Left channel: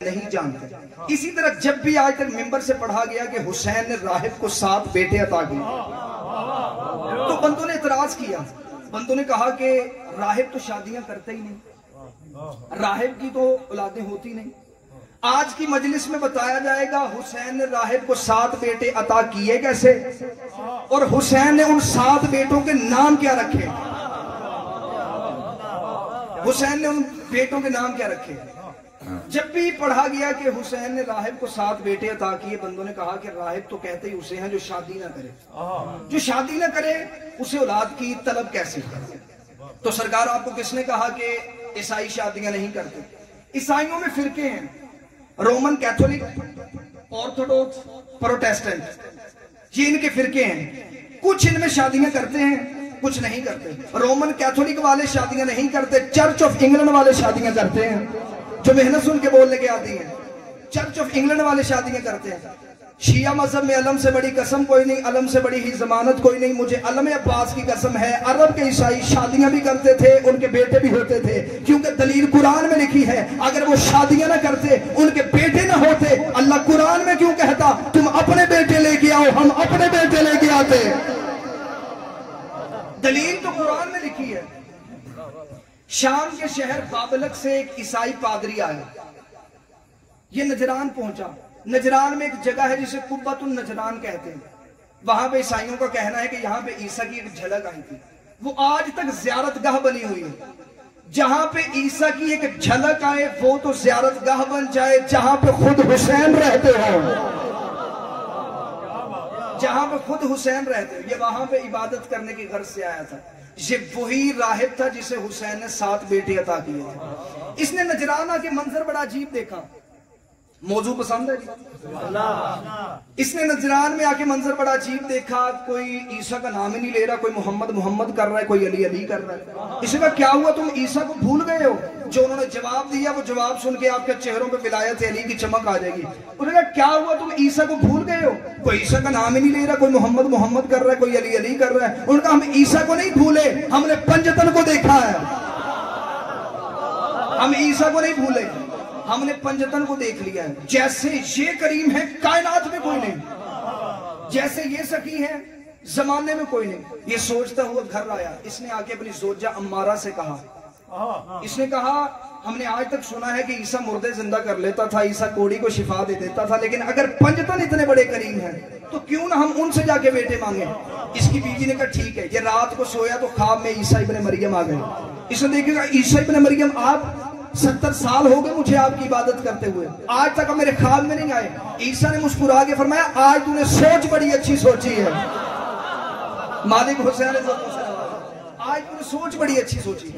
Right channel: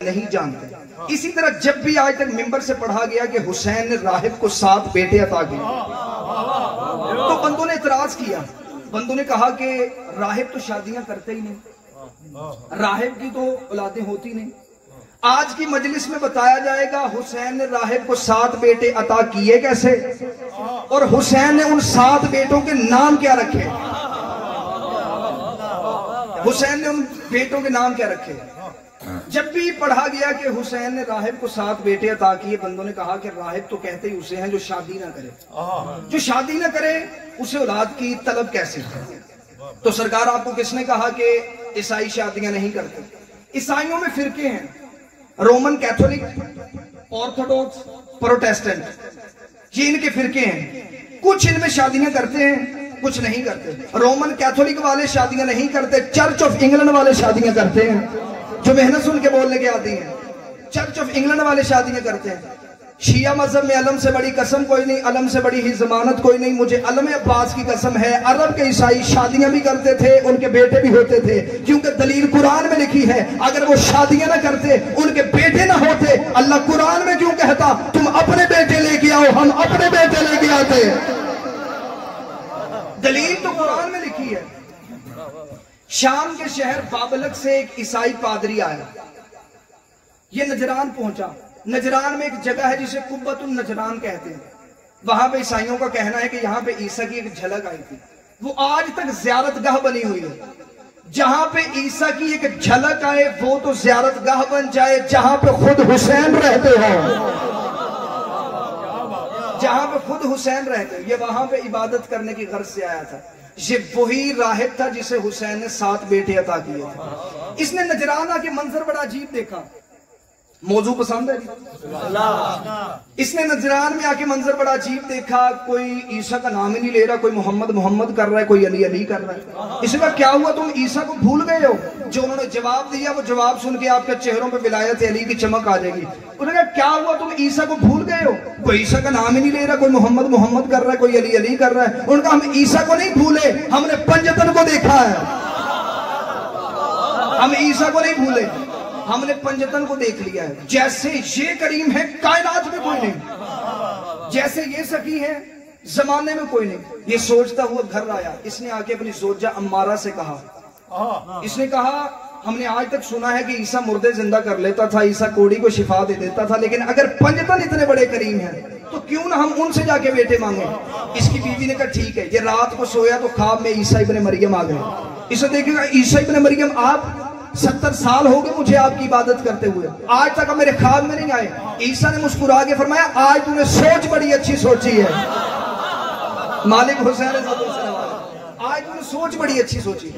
नहीं जानते। इसी तरह जब भी आज तक मिंबर से पढ़ा गया कि हुसैन ने राहिब को 7 बेटे अता किए, तो बंदों ने इतराज किया। बंदों ने कहा कि राहिब तो शादियां करते ही नहीं, राहिब की तो औलादें होती नहीं। आज की मजलिस में बताया जाएगा हुसैन ने राहिब को 7 बेटे अता किए कैसे, और हुसैन ने उन 7 बेटों के नाम क्या रखे। हुसैन ने उन बेटों के नाम क्या रखे। जब भी पढ़ा गया कि हुसैन ने राहिब को 7 बेटे अता किए, बंदों ने कहा कि राहिब तो कहते ही उसे हैं जो शादी ना करे, जो शादी ना करे उसे औलाद की तलब कैसे है। तो सरकार आपको किसने कहा कि ईसाई शादियां नहीं करते। ईसाइयों में फिरके हैं, रोमन कैथोलिक, ऑर्थोडॉक्स, प्रोटेस्टेंट, ये इनके फिरके हैं। कुछ इनमें शादियां करते हैं, कुछ नहीं करते। रोमन कैथोलिक वाले शादियां नहीं करते, चर्च ऑफ इंग्लैंड वाले शादियां करते हैं, जो मेहनत सुन के बोलने के आती है। चर्च ऑफ इंग्लैंड वाले शादियां करते हैं। शिया मजहब में अलम से बड़ी कसम कोई नहीं, अलम से बड़ी ही जमानत कोई नहीं। मुझे अलम अब्बास की कसम है, अरब के ईसाई शादियां भी करते थे, उनके बेटे भी होते थे, क्योंकि दलील कुरान में लिखी है। अगर वो शादियां ना करते, उनके बेटे ना होते, अल्लाह कुरान में क्यों कहता तुम अपने बेटे लेके आओ, हम अपने बेटे लेके आते। दलील तो कुरान में लिखी है। शाम के शहर बाबलक से एक ईसाई पादरी आया, ये नजरान पहुंचा। नजरान में एक जगह है जिसे कुब्बतुन नजरान कहते हैं। वहां पे ईसाइयों का कहना है कि यहां पे ईसा की एक झलक आई थी। वो आज तक ज़ियारतगाह बनी हुई है। जहां पे ईसा की एक झलक आए वो तो ज़ियारतगाह बन जाए। जहां पे खुद हुसैन रहते हो, जहां पे खुद हुसैन रहते हो, ये वहां पे इबादत करने की गर्ज से आया था। ये वही राहिब था जिसे हुसैन ने 7 बेटे अता किए थे। इसने नजराना के मंजर बड़ा अजीब देखा। मौजू पसंद है? इसने नजरान में आके मंजर बड़ा अजीब देखा। कोई ईसा का नाम ही नहीं ले रहा, कोई मोहम्मद मोहम्मद कर रहा है, कोई अली अली कर रहा है। इसने कहा क्या हुआ, तुम ईसा को भूल गए हो? जो उन्होंने जवाब दिया वो जवाब सुन के आपके चेहरों पर विलायत अली की चमक आ जाएगी। उन्होंने कहा क्या हुआ, तुम ईसा को भूल गए हो? कोई ईसा का नाम ही नहीं ले रहा, कोई मोहम्मद मोहम्मद कर रहा है, कोई अली अली कर रहा है। उन्होंने कहा हम ईसा को नहीं भूले, हमने पंजतन को देखा है। हम ईसा को नहीं भूले, हमने पंजतन को देख लिया है। जैसे ये करीम है कायनात में कोई नहीं, जैसे ये सकी है जमाने में कोई नहीं। ये सोचता हुआ घर आया। इसने आके अपनी जोजा अम्मारा से कहा, इसने कहा हमने आज तक सुना है कि ईसा मुर्दे जिंदा कर लेता था, ईसा कोड़ी को शिफा दे देता था, लेकिन अगर पंजतन इतने बड़े करीम हैं तो क्यों ना हम उनसे जाके बेटे मांगे। इसकी बीवी ने कहा ठीक है। ये रात को सोया तो ख्वाब में ईसा इब्ने मरियम आ गए। इसे देखिएगा, ईसा इब्ने मरियम आप 70 साल हो गए मुझे आपकी इबादत करते हुए, आज तक मेरे ख्वाब में नहीं आए। ईसा ने मुस्कुरा के फरमाया आज तूने सोच बड़ी अच्छी सोची है। मालिक हुसैन आज तूने सोच बड़ी अच्छी सोची।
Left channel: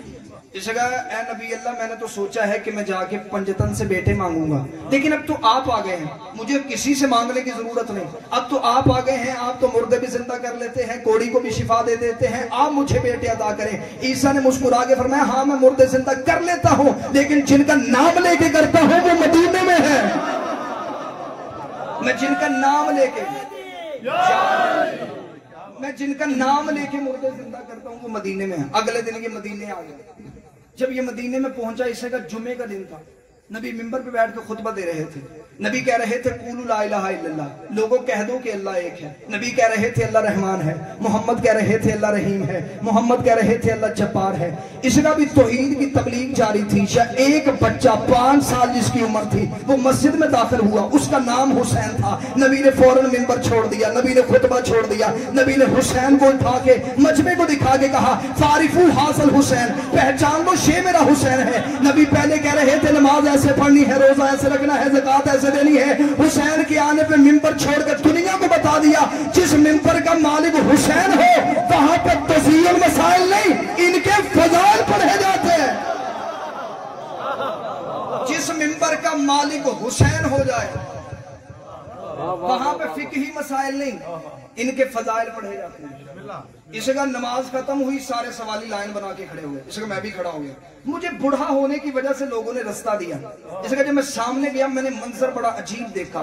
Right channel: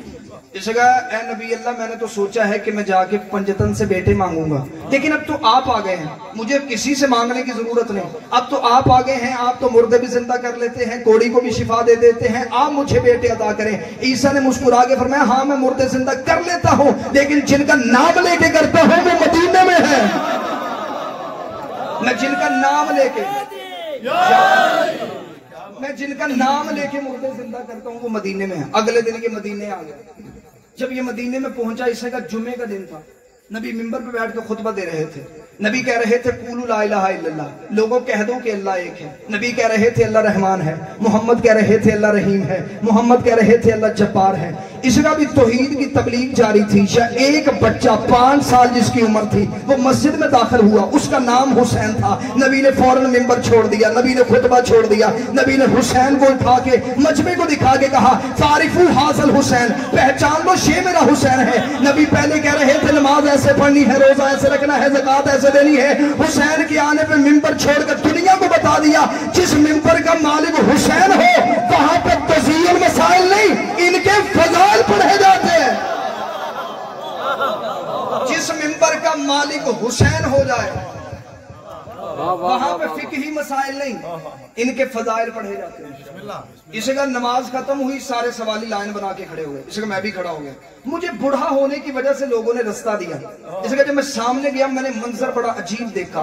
इसे कहा ए नबी अल्लाह, मैंने तो सोचा है कि मैं जाके पंजतन से बेटे मांगूंगा, लेकिन अब तो आप आ गए हैं, मुझे किसी से मांगने की जरूरत नहीं। अब तो आप आ गए हैं, आप तो मुर्दे भी जिंदा कर लेते हैं, कोड़ी को भी शिफा दे देते हैं, आप मुझे बेटे अता करें। ईसा ने मुस्कुरा के फरमाया हाँ मैं मुर्दे जिंदा कर लेता हूं, लेकिन जिनका नाम लेके करता हूं वो मदीने में है। मैं जिनका नाम लेके मुर्दे जिंदा करता हूं वो मदीने में है। अगले दिन ये मदीने आ गया। जब ये मदीने में पहुंचा, इसका जुमे का दिन था। नबी मिंबर पे बैठ के खुतबा दे रहे थे। नबी कह रहे थे कुलू ला इलाहा इल्लल्लाह, लोगों कह दो कि अल्लाह एक है। नबी कह रहे थे अल्लाह रहमान है, मोहम्मद कह रहे थे अल्लाह रहीम है, मोहम्मद कह रहे थे अल्लाह जब्बार है। इसका भी तौहीद की तबलीग जारी थी। एक बच्चा 5 साल जिसकी उम्र थी वो मस्जिद में दाखिल हुआ, उसका नाम हुसैन था। नबी ने फौरन मिंबर छोड़ दिया, नबी ने खुतबा छोड़ दिया। नबी ने हुसैन को उठा के मजमे को दिखा के कहा फारिफू हासिल हुसैन, पहचान लो ये मेरा हुसैन है। नबी पहले कह रहे थे नमाज ऐसे पढ़नी है, रोजा ऐसे रखना है, ज़कात ऐसे देनी है। हुसैन के आने पे मिंबर छोड़कर दुनिया को बता दिया जिस मिंबर का मालिक हुसैन हो वहां पर तज़य्युन मसाइल नहीं, इनके फज़ाइल पढ़े जाते हैं। जिस मिंबर का मालिक हुसैन हो जाए वहां पे फिक्ही मसाइल नहीं, इनके फजाइल पढ़े जाते हैं। इसे का नमाज खत्म हुई, सारे सवाली लाइन बना के खड़े हुए। इसे मैं भी खड़ा हो गया। मुझे बूढ़ा होने की वजह से लोगों ने रास्ता दिया। इसे जब मैं सामने गया मैंने मंजर बड़ा अजीब देखा।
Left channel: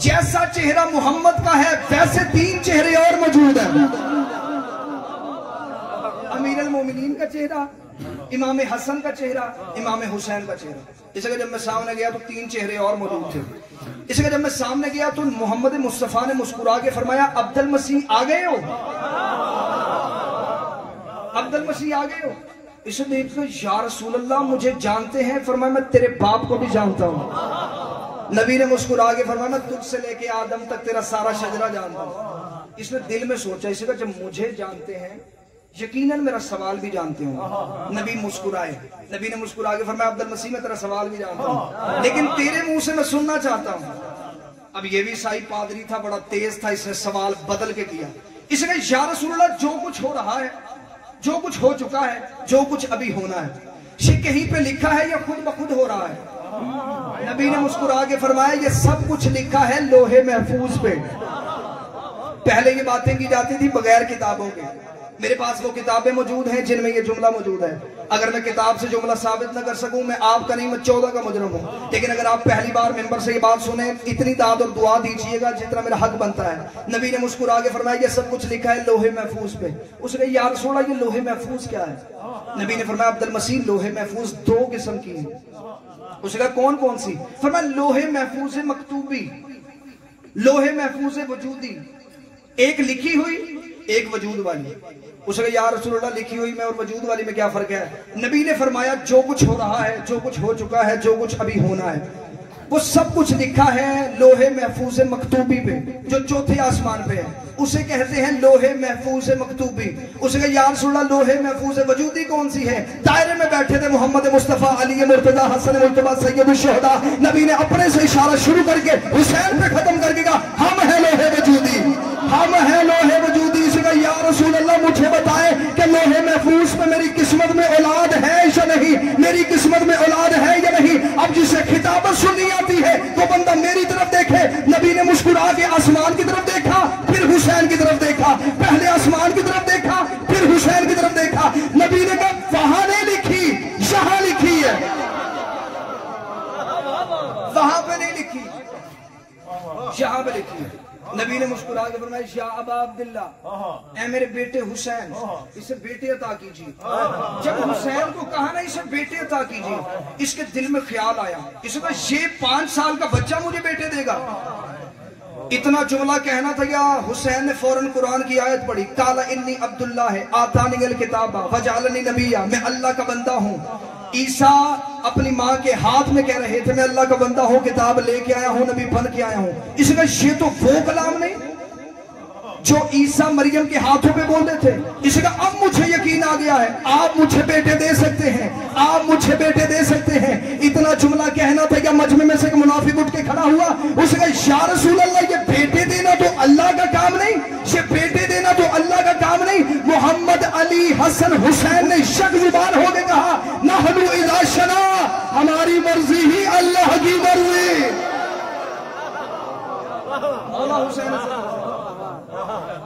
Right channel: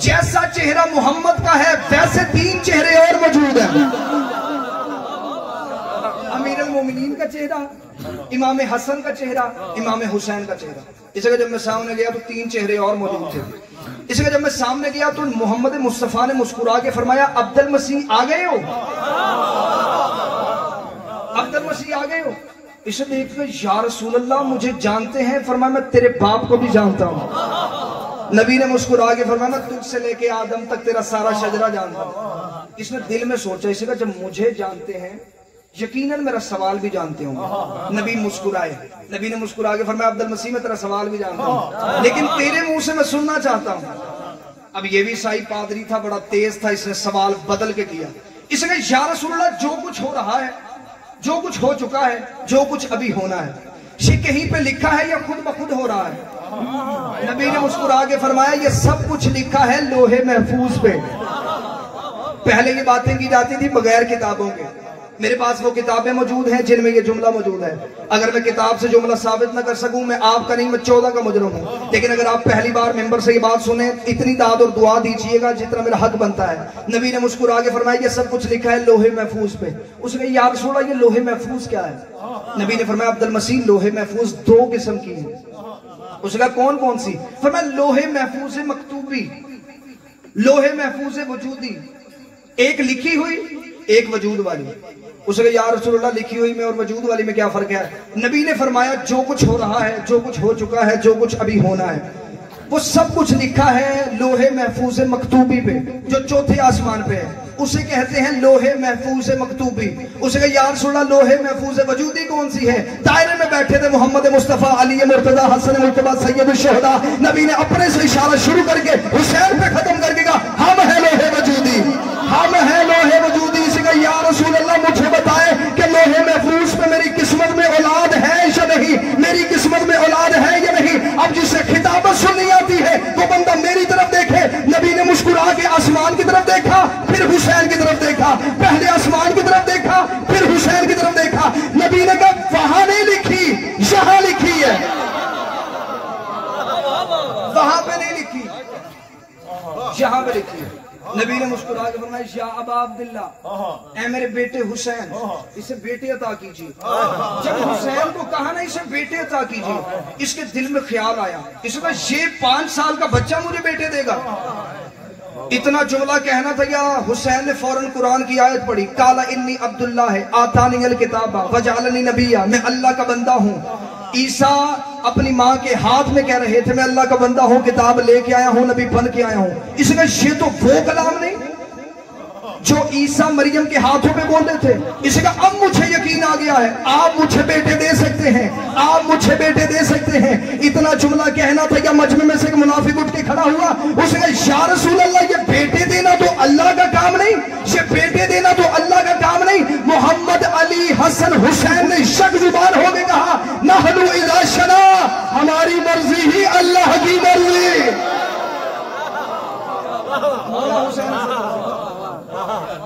जैसा चेहरा मोहम्मद का है वैसे 3 चेहरे और मौजूद हैं। अमीरुल मोमिनीन का चेहरा, इमाम हसन का चेहरा, इमाम हुसैन का चेहरा। इस जगह जब मैं सामने गया तो 3 चेहरे और मौजूद थे। इस जगह जब मैं सामने गया तो मोहम्मद मुस्तफा ने मुस्कुरा के फरमाया, अब्दुल मसीह आ गए हो, अब्दुल मसीह आ गए हो। इसे देखकर या रसूल अल्लाह मुझे जानते हैं? फरमाया मैं तेरे बाप को भी जानता हूं। नबी ने मुस्कुरा के फरमाया मैं तुझसे लेके आदम तक तेरा सारा शजरा जानता हूं। इसने दिल में सोचा, इसी का जब मुझे जानते हैं यकीनन मेरा सवाल भी जानते होंगे। नबी मुस्कुराए, नबी ने मुस्कुरा के फरमाया अब्दुल मसीह मैं तेरा सवाल भी जानता हूं, लेकिन तेरे मुंह से मैं सुनना चाहता हूं। अब ये भी साई पादरी था, बड़ा तेज था, इसने सवाल बदल के किया। इसने या रसूल अल्लाह जो कुछ हो रहा है, जो कुछ हो चुका है, जो कुछ अभी होना है, ये कहीं पे लिखा है या खुद ब खुद हो रहा है? नबी ने मुस्कुरा के फरमाया ये सब कुछ लिखा है लोहे महफूज पे। पहले ये बातें की जाती थी बगैर किताबों के। मेरे पास वो किताबें मौजूद हैं जिनमें ये जुमला मौजूद है। अगर मैं किताब से जुमला साबित न कर सकूं, मैं आपका नहीं, मैं 14 का मुजरिम हूं। लेकिन अगर आप पहली बार मेंबर से ये बात सुने, इतनी दाद और दुआ दीजिएगा जितना मेरा हक बनता है। नबी ने मुस्कुरा के फरमाया ये सब कुछ लिखा है लोहे महफूज पे। उसने या रसूल अल्लाह ये लोहे महफूज क्या है? नबी ने फरमाया अब्दुल मसीह लोहे महफूज 2 किस्म की है। उसका कौन कौन सी? फरमाया लोहे महफूज मकतूबी, लोहे महफूज वजूदी, एक लिखी हुई एक वजूद वाली। उसने या रसूलुल्लाह लिखी हुई में और वजूद वाली में क्या फर्क है? नबी ने फरमाया जो कुछ हो रहा है, जो कुछ हो चुका है, जो कुछ अभी होना है, वो सब कुछ लिखा है लोहे महफूज मकतूबी पे, जो चौथे आसमान पे है। उसे कहते हैं लोहे महफूज मकतूबी। उसने या रसूलुल्लाह लोहे महफूज वजूदी कौन सी है? दायरे में बैठे थे मोहम्मद मुस्तफा, अली मुर्तजा, हसन मुर्तजा, सैयद शुहदा। नबी ने अपने से इशारा शुरू करके हुसैन पे खत्म करके कहा हम है लोहे वजूदी, हम है लोहे वजूदी। इसका या रसूल अल्लाह मुझे बताए कि लोहे महफूज पे मेरी किस्मत में औलाद है या नहीं, मेरी किस्मत में औलाद है या नहीं। अब जिसे खिताबत सुननी आती है वो बंदा मेरी तरफ देखे। नबी ने मुस्कुरा के आसमान की तरफ देखा, फिर हुसैन की तरफ देखा। पहले आसमान की तरफ देखा, फिर हुसैन की तरफ देखा। नबी ने कहा वहां नहीं लिखी, यहां लिखी है, वहां पे नहीं लिखी, यहां पे लिखी है। नबी ने मुस्कुरा के फरमाया या अबा अब्दुल्ला, ऐ मेरे बेटे हुसैन, इसे बेटे अता कीजिए। जब हुसैन को कहा ना इसे बेटे अता कीजिए, इसके दिल में ख्याल आया, इसका ये 5 साल का बच्चा मुझे बेटे देगा। इतना जुमला कहना था या हुसैन ने फौरन कुरान की आयत पढ़ी, काला इन्नी अब्दुल्ला है आतानी अल किताबा वजअलनी नबिया, मैं अल्लाह का बंदा हूँ। ईसा अपनी माँ के हाथ में कह रहे थे मैं अल्लाह का बंदा हूँ, किताब लेके आया हूँ, नबी बन के आया हूँ। इसका ये तो वो कलाम नहीं जो ईसा मरियम के हाथों पे बोलते थे। इसका अब मुझे यकीन आ गया है, आप मुझे बेटे दे सकते हैं, आप मुझे बेटे दे सकते हैं। इतना जुमला कहना था या मजमे में से एक मुनाफिक उठ के खड़ा हुआ, उसने या रसूल अल्लाह ये बेटे देना तो अल्लाह का काम नहीं, ये बेटे देना तो अल्लाह का काम नहीं। मोहम्मद अली हसन हुसैन ने शक जुबान हो के कहा नहनु इज़ा शना, हमारी मर्जी ही अल्लाह की मर्जी। मौला हुसैन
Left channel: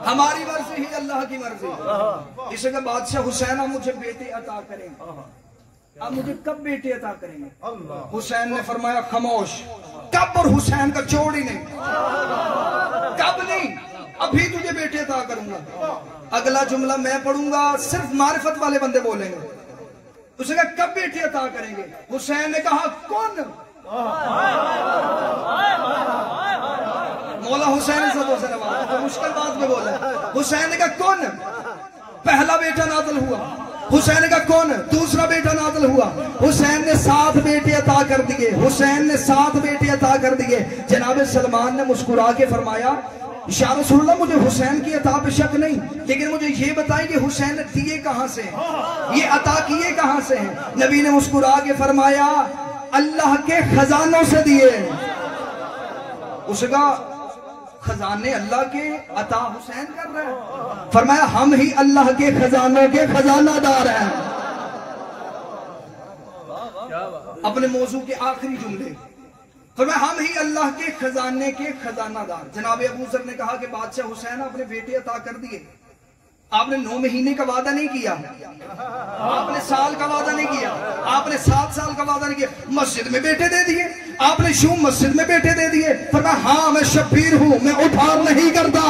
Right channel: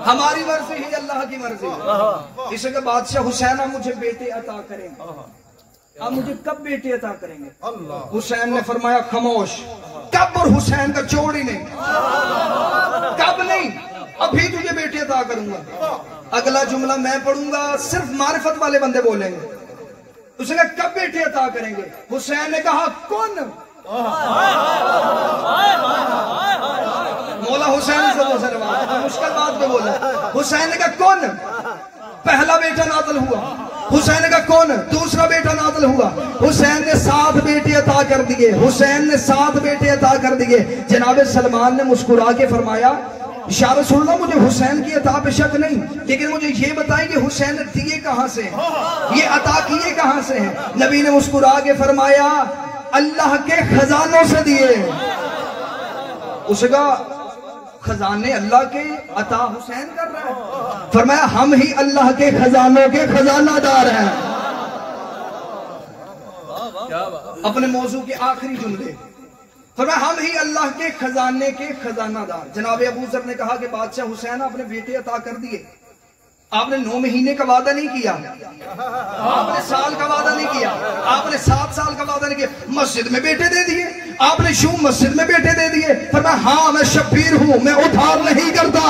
हमारी मर्जी ही अल्लाह की मर्जी। इसके बादशाह हुसैन अब मुझे बेटे अता करेंगे। अब मुझे कब बेटे अता करेंगे? हुसैन ने फरमाया खामोश, कब और हुसैन का जोड़ ही नहीं, कब नहीं, अभी तुझे बेटे अता करूंगा। अगला जुमला मैं पढ़ूंगा, सिर्फ मारिफत वाले बंदे बोलेंगे। उसने कहा कब बेटे अता करेंगे? हुसैन ने कहा कौन? मौला हुसैन से तो मुश्किल बात पे बोला। हुसैन ने कहा कौन? पहला बेटा नाज़िल हुआ। हुसैन ने कहा कौन? दूसरा बेटा नाज़िल हुआ। हुसैन ने 7 बेटे अता कर दिए, हुसैन ने 7 बेटे अता कर दिए। जनाब सलमान ने मुस्कुरा के फरमाया या रसूलल्लाह मुझे हुसैन की अता पे शक नहीं, लेकिन मुझे ये बताएं कि हुसैन ने दिए कहां से हैं, ये अता किए कहां से हैं? नबी ने मुस्कुरा के फरमाया अल्लाह के खजानों से दिए। उसका खजाने अल्लाह के अता हुसैन कर रहा है। फरमाया हम ही अल्लाह के खजानों के खजानादार हैं। अपने मौजू के आखिरी जुमले फरमाया हम ही अल्लाह के खजाने के खजानादार। जनाब अबू जर ने कहा कि बादशाह हुसैन आपने बेटे अता कर दिए, आपने 9 महीने का वादा नहीं किया, आपने साल का वादा नहीं किया, आपने 7 साल का वादा नहीं किया, मस्जिद में बेटे दे दिए आपने, शू मस्जिद में बेटे दे दिए। फरमाया हाँ मैं शब्बीर हूं, मैं उधार नहीं करता।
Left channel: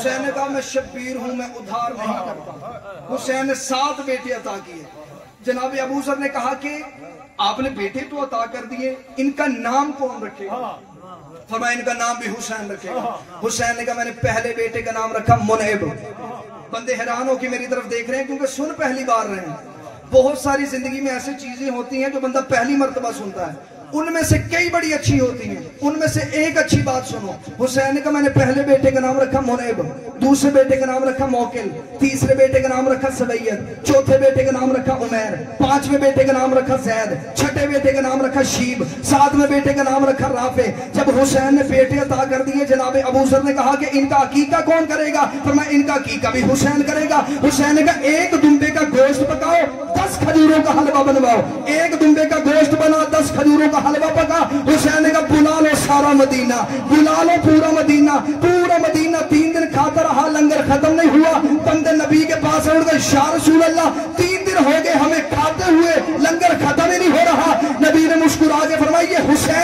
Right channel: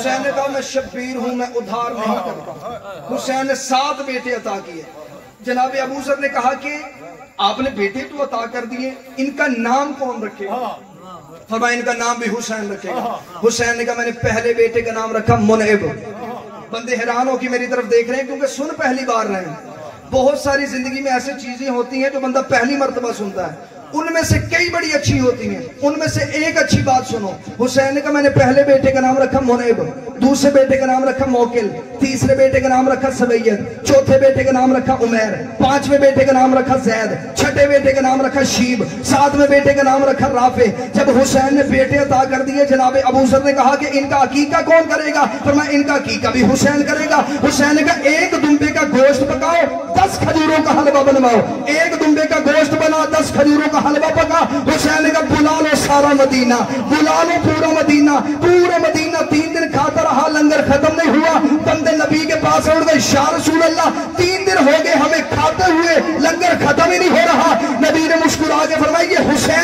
हुसैन ने कहा मैं शब्बीर हूं, मैं उधार नहीं करता। हुसैन ने 7 बेटे अता किए। जनाब अबू जर ने कहा कि आपने बेटे तो अता कर दिए, इनका नाम कौन रखेगा? फरमाया इनका नाम भी हुसैन रखेगा। हुसैन ने कहा मैंने पहले बेटे का नाम रखा मुनइब। बंदे हैरान हो कि मेरी तरफ देख रहे हैं क्योंकि सुन पहली बार रहे हैं। बहुत सारी जिंदगी में ऐसी चीजें होती हैं जो बंदा पहली मर्तबा सुनता है, उनमें से कई बड़ी अच्छी होती हैं, उनमें से एक अच्छी बात सुनो। हुसैन ने कहा मैंने पहले बेटे का नाम रखा मुनइब, दूसरे बेटे का नाम रखा मौकिल, तीसरे बेटे का नाम रखा सवैयद, चौथे बेटे का नाम रखा उमैर, पांचवें बेटे का नाम रखा जैद, छठे बेटे का नाम रखा शीब, सातवें बेटे का नाम रखा राफे। जब हुसैन ने बेटे अता कर दिए, जनाब अबू जर ने कहा कि इनका अकीका कौन करेगा? फिर मैं इनका अकीका भी हुसैन करेगा। हुसैन ने कहा एक दुम्बे का गोश्त पकाओ, 10 खजूरों का हलवा बनवाओ। एक दुम्बे का गोश्त बना, 10 खजूरों का हलवा पका। हुसैन ने कहा बुला लो सारा मदीना, बुला लो पूरा मदीना। पूरा मदीना 3 दिन खाता रहा, लंगर खत्म नहीं हुआ। बंदे नबी के पास उठ गए, या रसूल अल्लाह 3 दिन हो गए हमें खाते हुए, लंगर खत्म ही नहीं हो रहा। नबी ने मुस्कुरा के फरमाया ये हुसैन